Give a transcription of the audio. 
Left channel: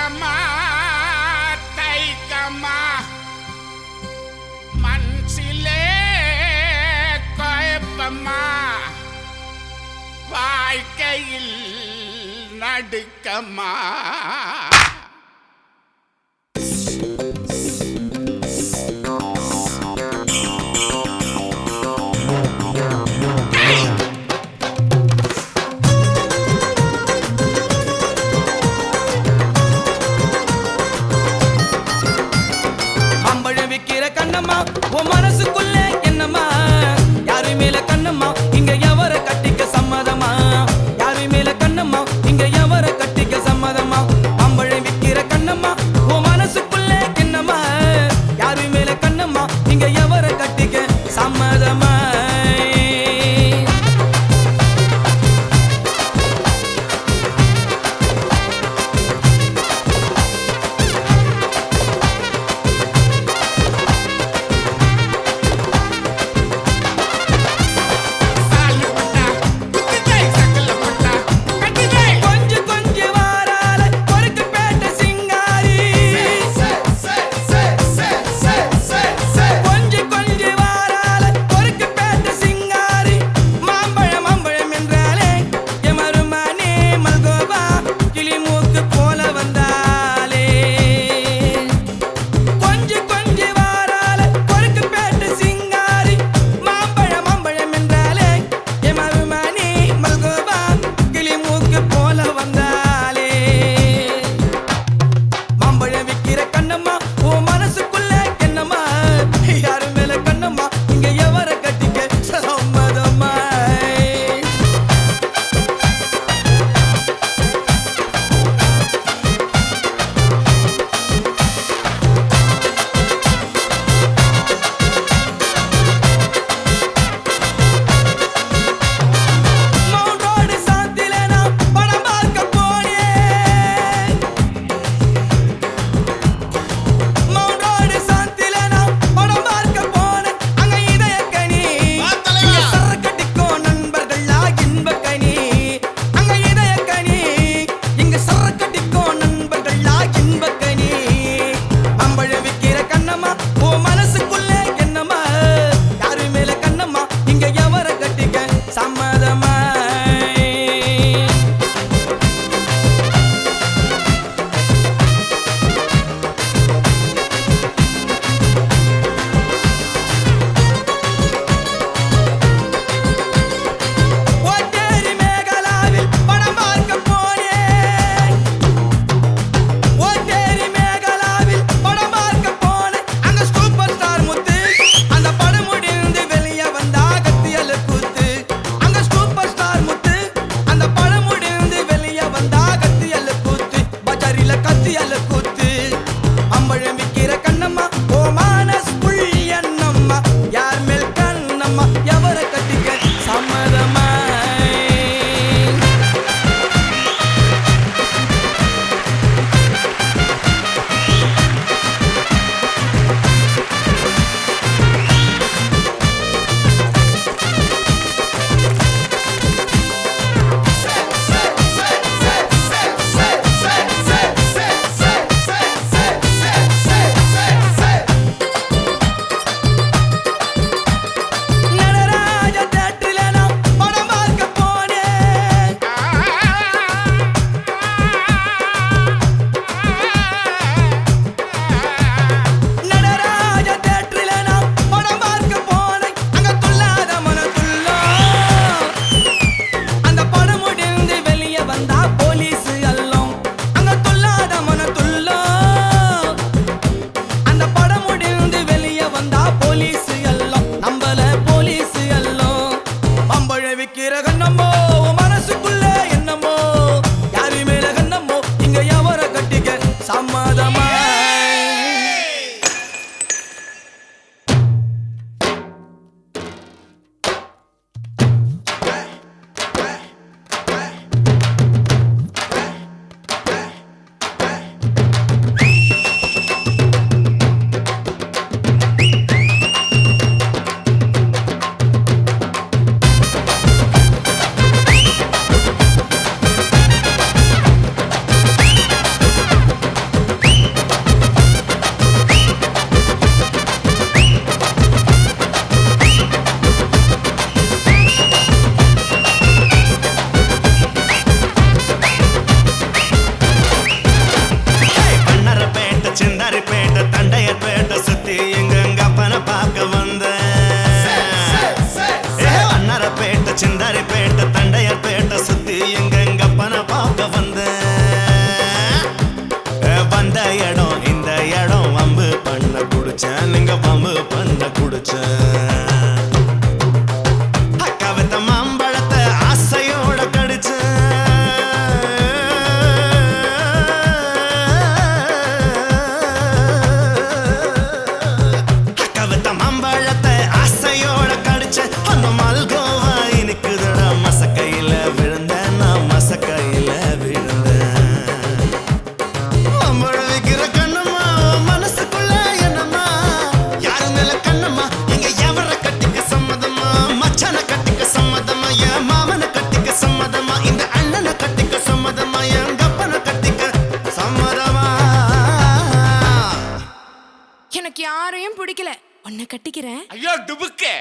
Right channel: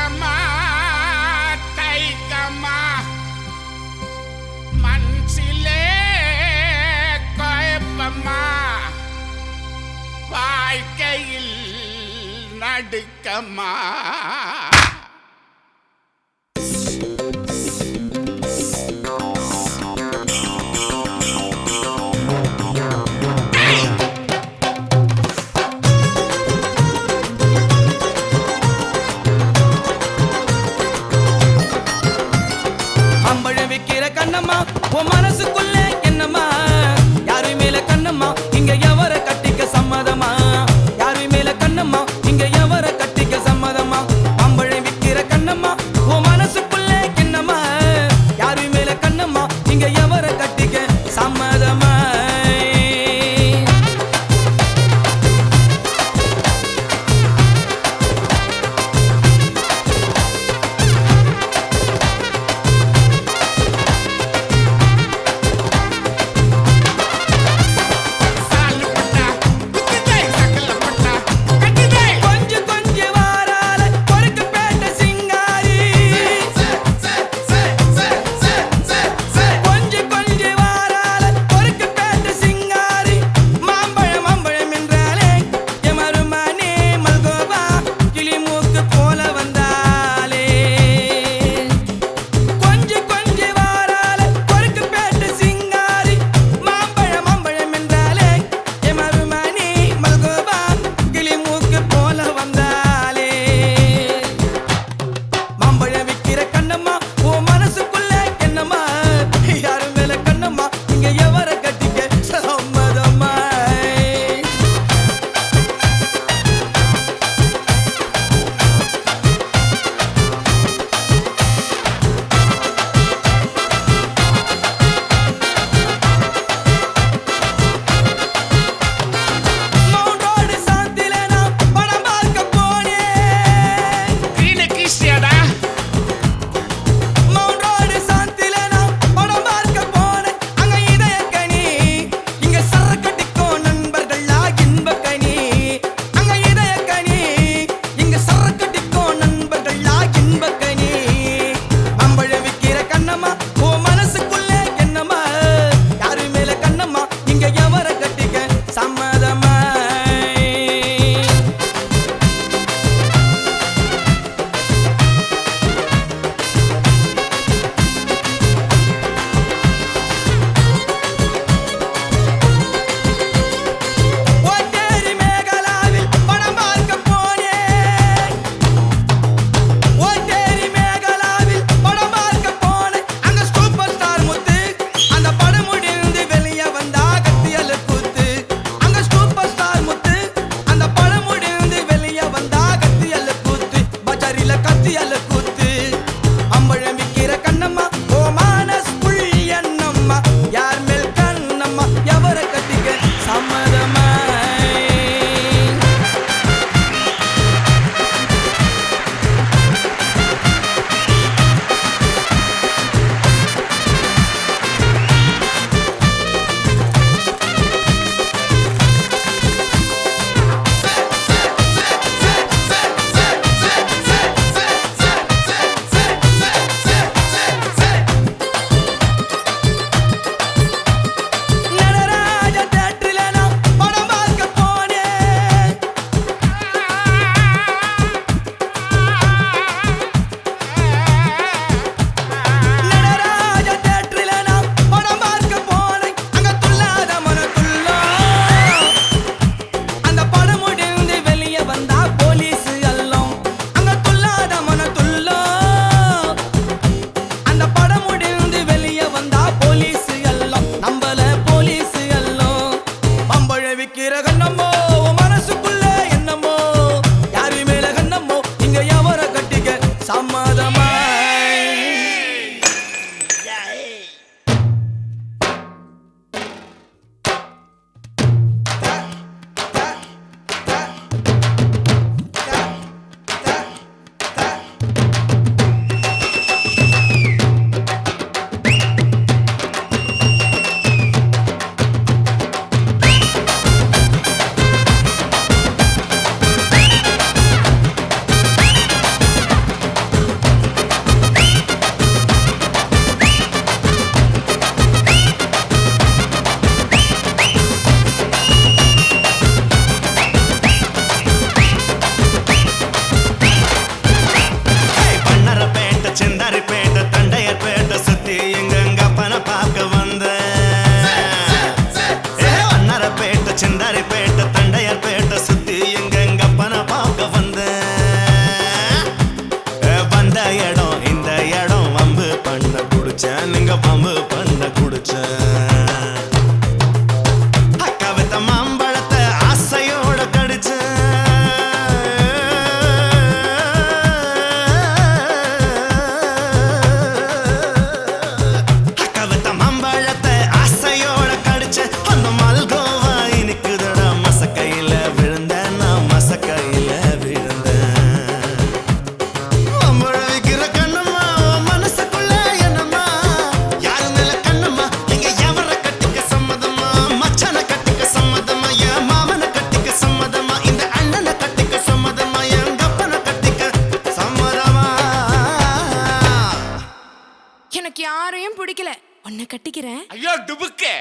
தயக்கமா தைக்கமா மனசிலே குழப்பமா வாழ்க்கையில் நடுக்கமா அம்பழம் விக்கிற கண்ணம்மா உன் மனசுக்குள்ள என்னம்மா யாரு மேல கண்ணம்மா இங்க எவர கட்டிக்க சம்மதமா யாரு மேல கண்ணம்மா இங்க எவர கட்டிக்க சம்மதமா அம்பழம் விக்கிற கண்ணம்மா உன் மனசுக்குள்ள என்னம்மா யாரு மேல கண்ணம்மா இங்க எவர கட்டிக்க சம்மதமா சுத்தி எங்க அப்பனை பார்க்க வந்தேன். வண்ணாரப்பேட்டை சிந்தாரிப்பேட்டை தண்டையார்பேட்டை சுத்தி எங்க அப்பனை பார்க்க வந்தேன். வந்த இடம் இந்த இடம் வம்பு பண்ண குடிச்சேன், நீங்க வம்பு பண்ண குடிச்சேன். அக்கா வித்த மாம்பழத்தை ஆசையோட கடிச்சேன். அக்கா வித்த மாம்பழத்தை ஆசையோட கடிச்சேன். அந்த மல்கோவா இனிக்குதடா மசக்கையில விழுந்தேன், நான் மசக்கையில விழுந்தேன். மாம்பழம் விக்கிற கண்ணம்மா உன் மனசுக்குள்ள என்னம்மா? யாரு மேல கண்ணம்மா? இங்க எவர கட்டிக்க சம்மதமா? மச்சான கட்டிக்க சம்மதமா? என் மாமனை கட்டிக்க சம்மதமா? இந்த அண்ணனை கட்டிக்க சம்மதமா? என் கப்பனை கட்டிக்க சம்மதமா? எனக்கு யாரையும் பிடிக்கல, உன்னை கட்டிக்கிறேன். ஐயோ டுபுக்கு